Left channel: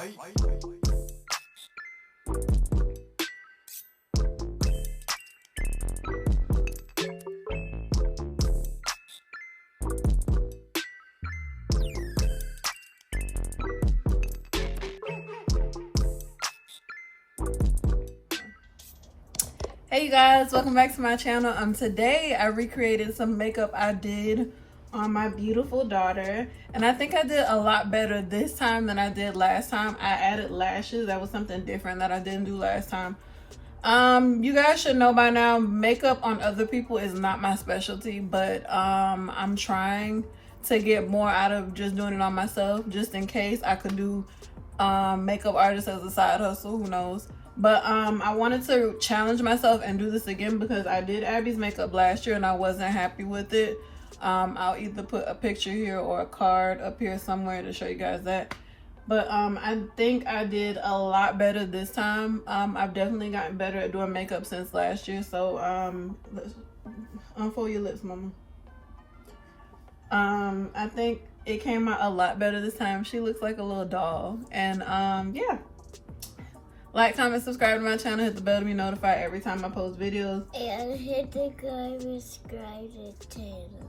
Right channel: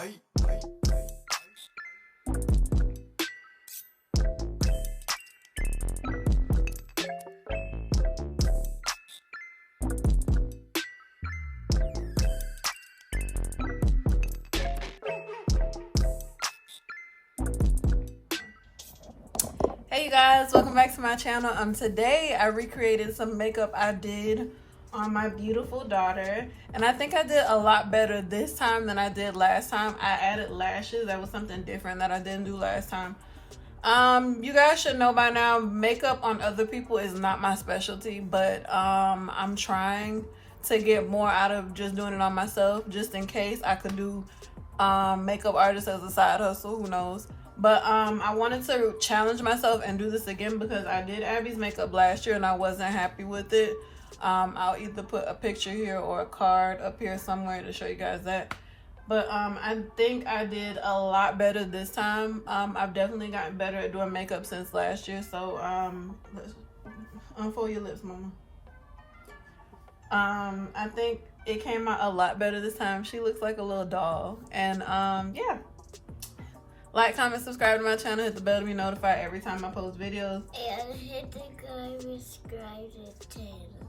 Hey you guys, welcome back to my channel. Today I recreated some makeup I did on my beautiful daughter, and I think I did a lot better this time than I did last time. I added lashes. That was something different that I didn't do last time. You guys should know by now, makeup on other people is not my specialty, but I'm trying to get more out of just doing it on myself, just in case I could do makeup artist as a side hustle, who knows. But I wanted to challenge myself and do this again because I did Abby's makeup last year and I wasn't happy with it. I'll either put a picture here or a card up here somewhere to show you guys that. But I think I did a lot better this time. I've definitely gotten better at doing makeup since last year. So let's unfold your lips, mama. I think it came out a lot better this time. She looks like a little doll. And yeah. Like, comment, subscribe to my channel, hit the bell to be notified every time I post videos. And hit the subscribe to channel.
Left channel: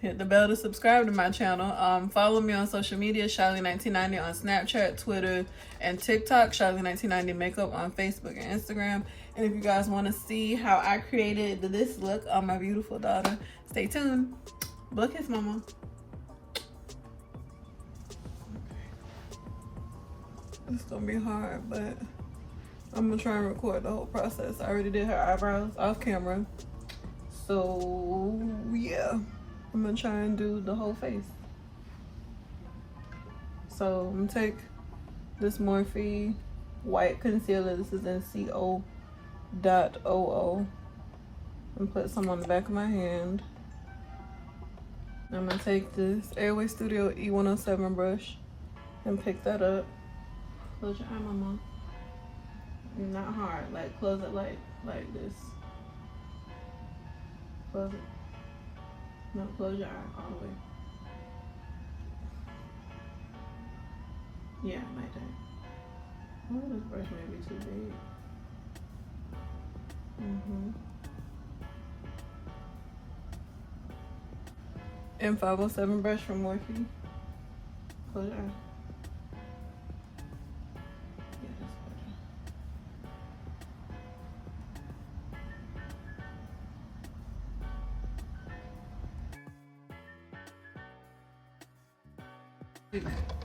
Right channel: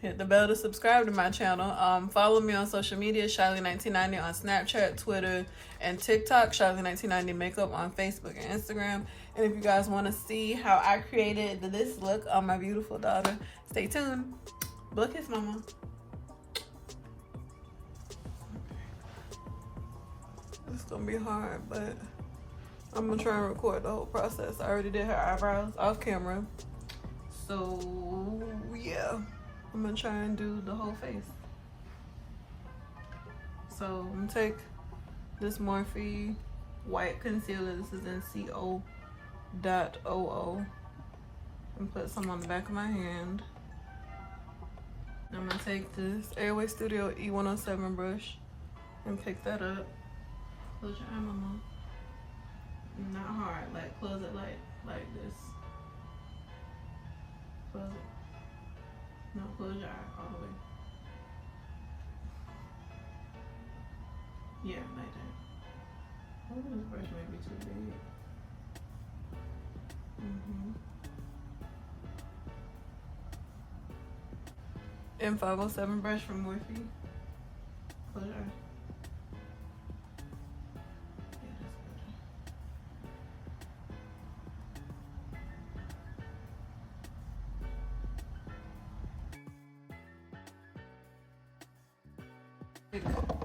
Hit the bell to subscribe to my channel. Follow me on social media, Charlie1990 on Snapchat, Twitter, and TikTok. Charlie1990 Makeup on Facebook and Instagram. And if you guys want to see how I created this look on my beautiful daughter, stay tuned. Blow kiss, mama. It's gonna be hard, but I'm gonna try and record the whole process. I already did her eyebrows off camera. So yeah, I'm gonna try and do the whole face. So I'm gonna take this Morphe white concealer. This is in CO.OO. And put some on the back of my hand. I'm gonna take this Airway Studio E107 brush and pick that up. Close your eye, mama. Not hard, like close it like this. Close it. No, close your eye all the way. Yeah, like that. Oh, this brush may be too big. M507 brush from Morphe. Close your eye.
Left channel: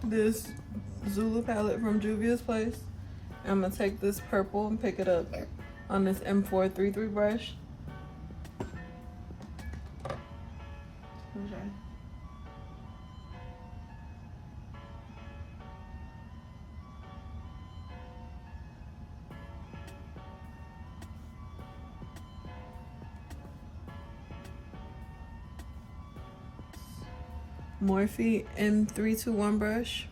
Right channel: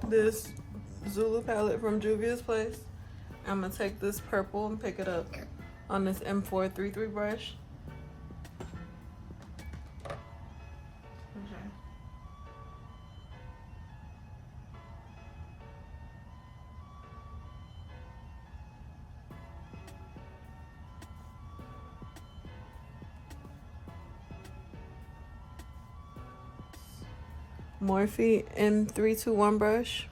This Zulu palette from Juvia's place. I'm gonna take this purple and pick it up on this M433 brush. Okay. Morphe M321 brush.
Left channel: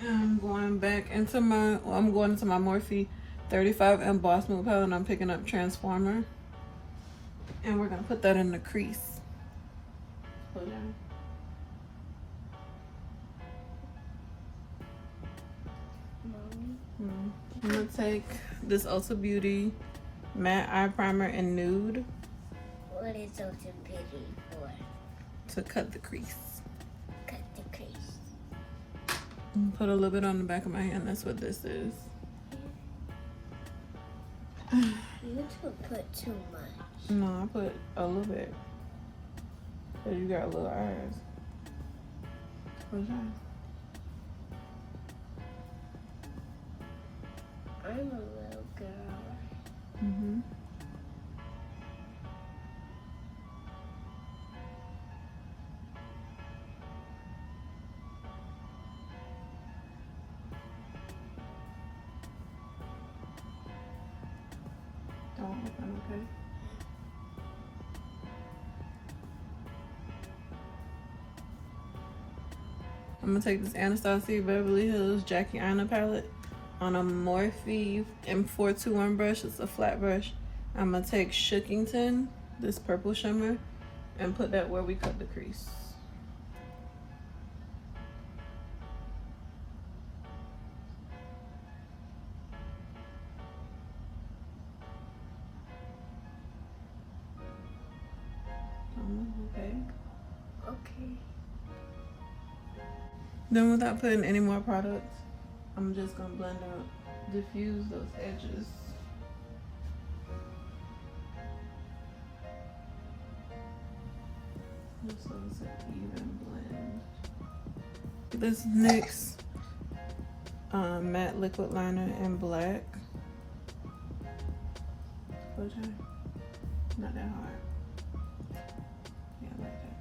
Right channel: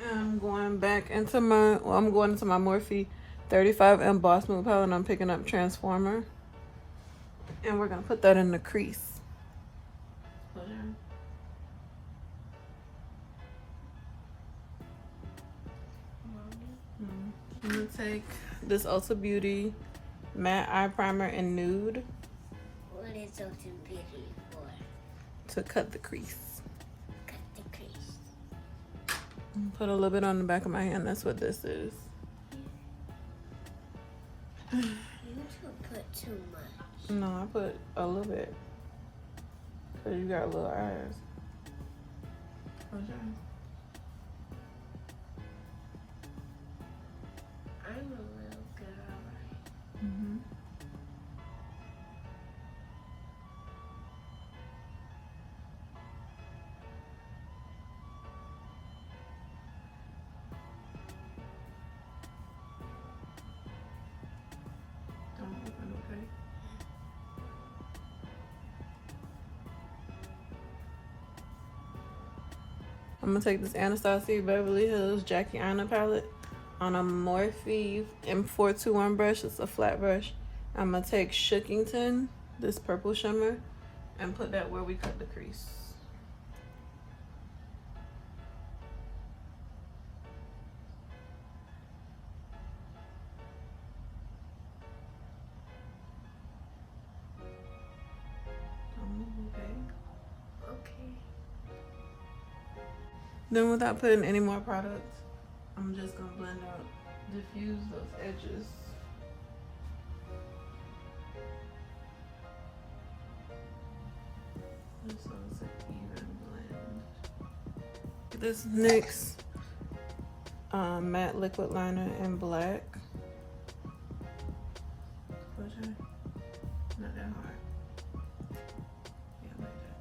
And I'm going back into my, I'm going into my Morphe 35M Boss Move palette, and I'm picking up Transformer. And we're gonna put that in the crease. Hold on. I'm gonna take this Ulta Beauty Matte Eye Primer in Nude. What is Ulta Beauty for? To cut the crease. Cut the crease. And put a little bit on the back of my hand. That's what this is. You should put too much. No, I put a little bit. Cause you got little eyes. What's that? I'm a little girl. Don't open, okay? I'm gonna take this Anastasia Beverly Hills Jackie Aina palette on a Morphe M421 brush. It's a flat brush. I'm gonna take Shookington, this purple shimmer, and put that where we cut the crease. Then without putting any more products, I'm just gonna blend out, diffuse those edges. Just so it's an even blend. This NYX Matte Liquid Liner in black. Not that hard. Yeah, like that.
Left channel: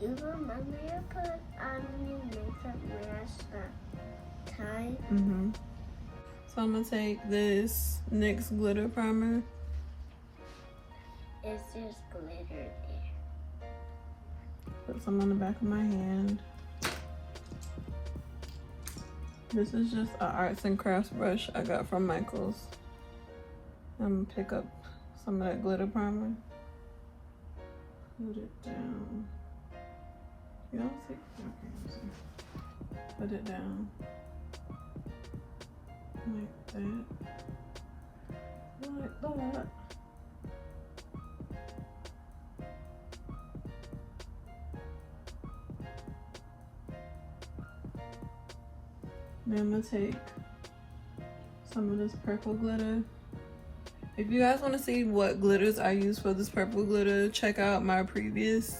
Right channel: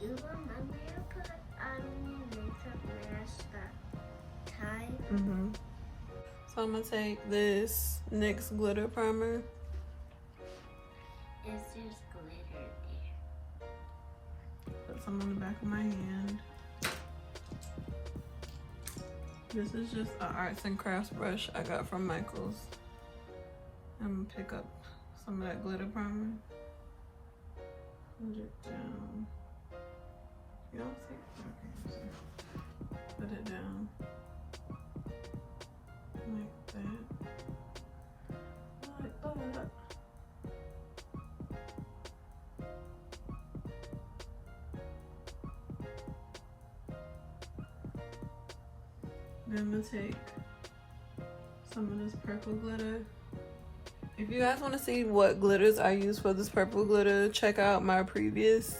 You remember you put on your makeup mask that time? So I'm gonna take this NYX Glitter Primer. It's just glitter there. Put some on the back of my hand. This is just an arts and crafts brush I got from Michael's. I'm gonna pick up some of that glitter primer. Put it down. You don't see? Okay, let's see. Put it down. Like that. Like that. Then I'm gonna take some of this purple glitter. If you guys want to see what glitters I use for this purple glitter, check out my previous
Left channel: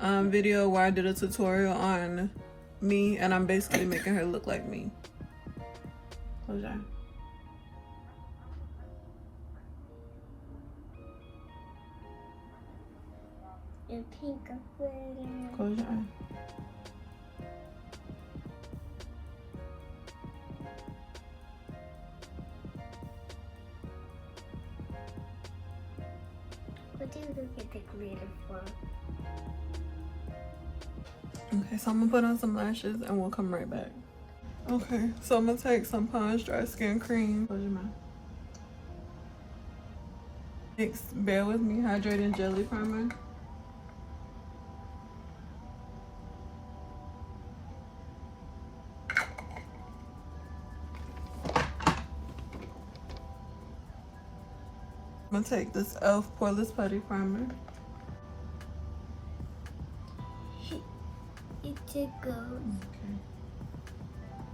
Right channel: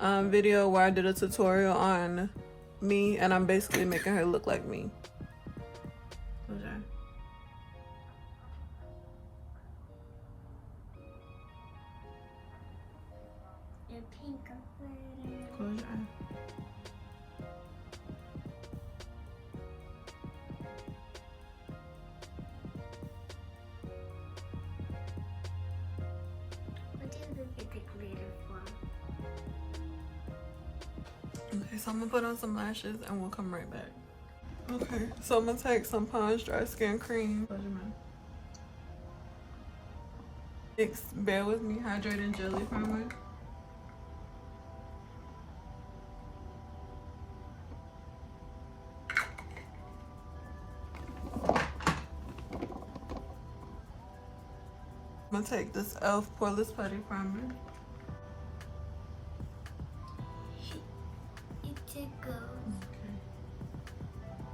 video where I did a tutorial on me, and I'm basically making her look like me. Okay. The pink glitter. Close your eye. What do you look at the glitter for? Okay, so I'm gonna put on some lashes and we'll come right back. Okay, so I'm gonna take some Pond's Dry Skin Cream. Close your mouth. NYX Bear With Me Hydrating Jelly Primer. I'm gonna take this e.l.f. Poreless Putty Primer. It's a gold. Okay.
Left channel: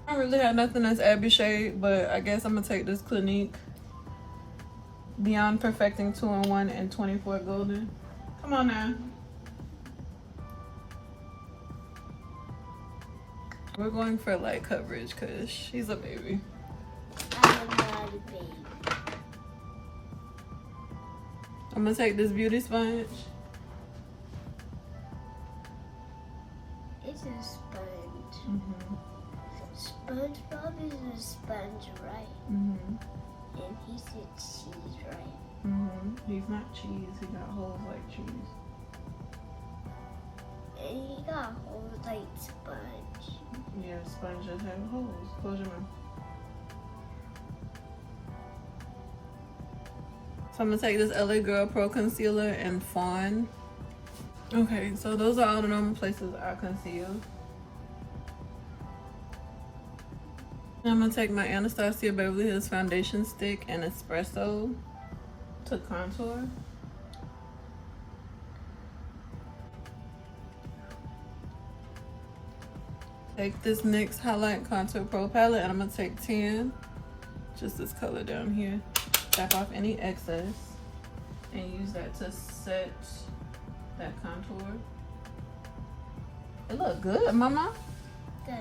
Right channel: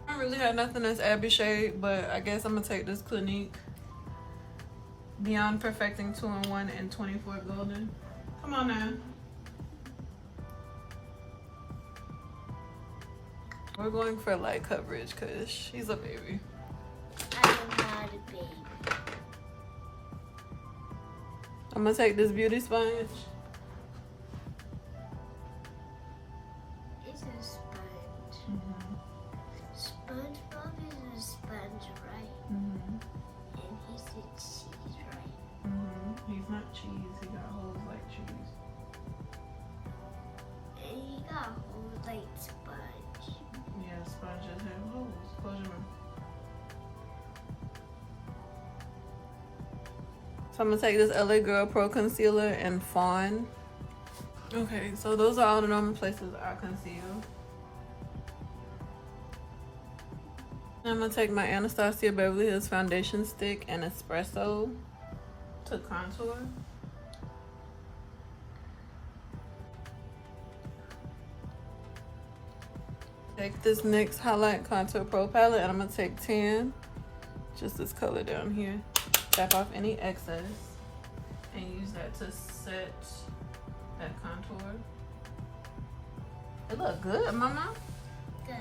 I don't really have nothing that's Abby shade, but I guess I'm gonna take this Clinique Beyond Perfecting 2-in-1 and 24 Golden. Come on now. We're going for light coverage because she's a baby. I'm not a baby. I'm gonna take this beauty sponge. It's a sponge. SpongeBob is a sponge, right? And he's a cheese, right? He's not cheese, he got holes like cheese. And he got holes like sponge. Yeah, sponges have holes. Close your mouth. So I'm gonna take this LA Girl Pro Concealer in Fawn. Okay, so those are all the normal places I conceal. Now I'm gonna take my Anastasia Beverly Hills Foundation Stick and Espresso to contour. Take this NYX Highlight Contour Pro Palette and I'm gonna take 10, just this color down here. Tap off any excess and use that to set that contour. It look good, mama. Good.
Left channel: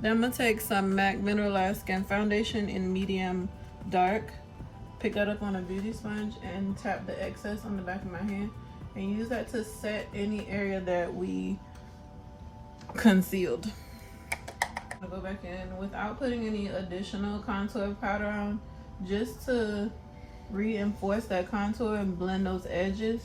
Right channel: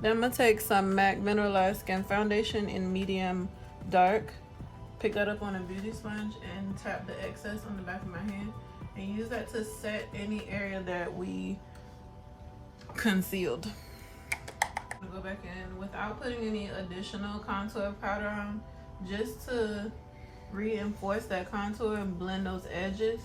Then I'm gonna take some MAC Mineralize Skin Foundation in medium dark. Pick that up on a beauty sponge and tap the excess on the back of my hand and use that to set any area that we concealed. I'll go back in without putting any additional contour powder on, just to reinforce that contour and blend those edges.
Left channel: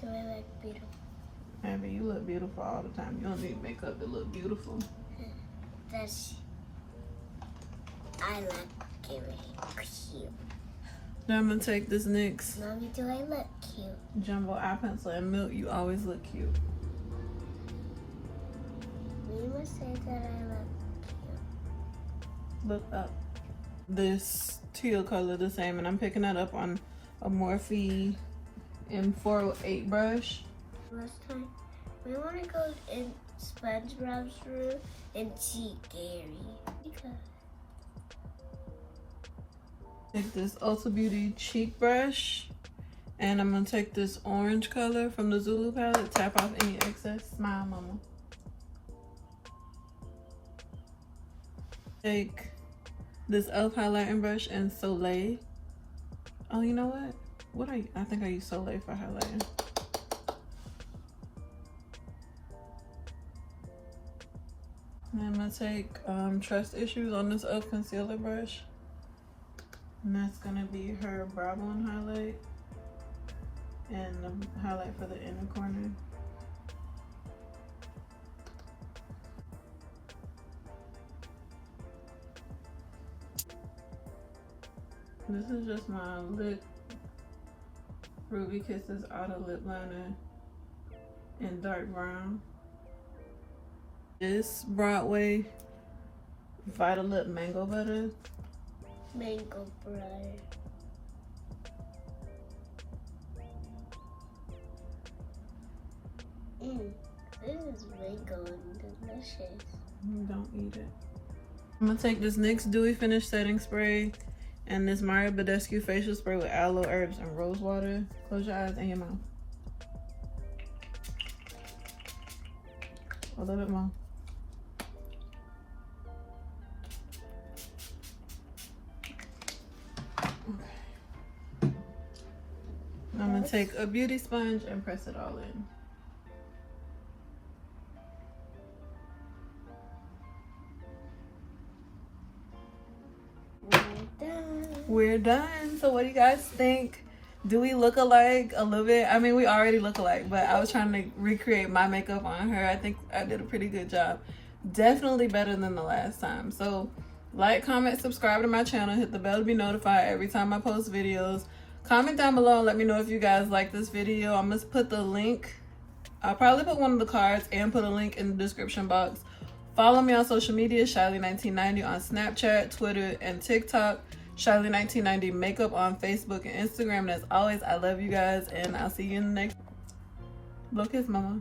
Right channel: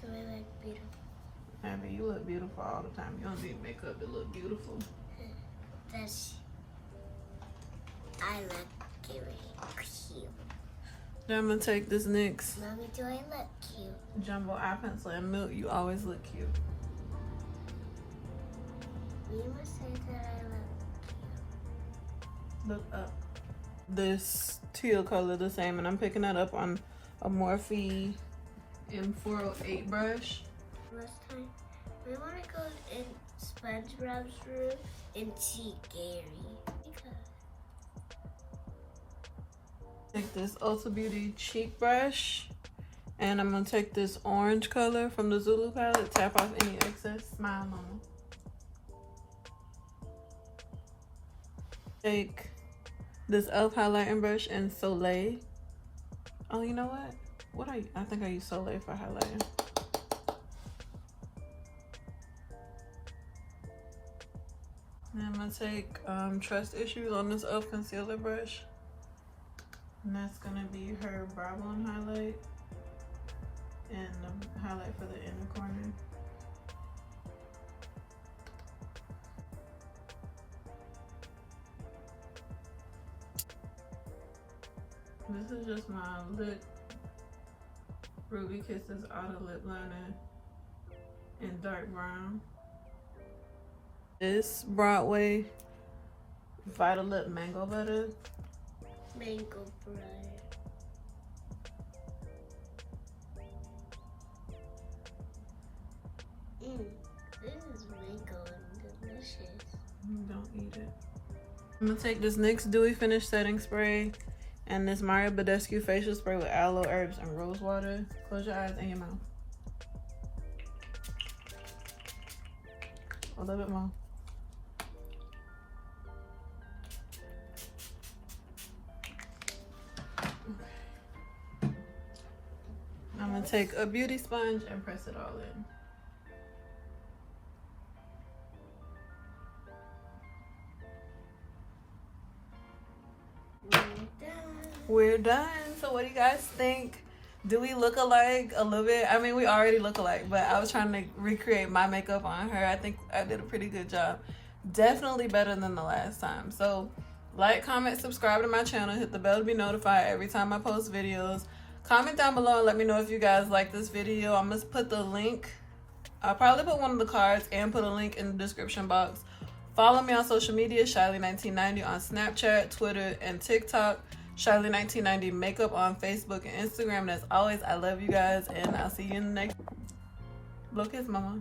Do I look beautiful? Abby, you look beautiful all the time. You don't need makeup to look beautiful. I like it really cute. Then I'm gonna take this NYX Mommy, do I look cute? Jumbo Eye Pencil and Milk. You always look cute. You must say that I look cute. Look up. This teal color the same, and I'm picking that up on a Morphe M408 brush. Last time, we want to go in SpongeBob's room and see Gary. Because Take this Ulta Beauty cheek brush, and I'm gonna take this orange color from the Zulu palette, tap off any excess. Smile, mama. Take this e.l.f. highlighting brush in Soleil. Oh, you know what? I think I use Soleil for highlighting. And I'm gonna take Trust Issues on this e.l.f. concealer brush. And that's gonna be her brow bone highlight and the highlight for the inner corner. This is just my lip Ruby Kisses Outer Lip Liner in dark brown. This Broadway Vita Lip Mango Butter. mango butter. This is mango and delicious. Don't eat it. I'm gonna take this NYX Dewy Finish Setting Spray and this Mario Badescu Facial Spray with aloe, herbs, and rose water. Close your eyes and your mouth. A little bit more. I'm gonna take a beauty sponge and press it all in. We're done. So what do you guys think? Do we look alike a little bit? I mean, we already look alike, but I was trying to recreate my makeup on her. I think I did a pretty good job. Definitely better than the last time. So like, comment, subscribe to my channel, hit the bell to be notified every time I post videos. Comment down below and let me know if you guys like this video. I'm gonna put the link. I'll probably put one of the cards and put a link in the description box. Follow me on social media, Shyly1990 on Snapchat, Twitter, and TikTok. Shyly1990 Makeup on Facebook and Instagram. And as always, I love you guys, and I'll see you in the next. Blow kiss, mama.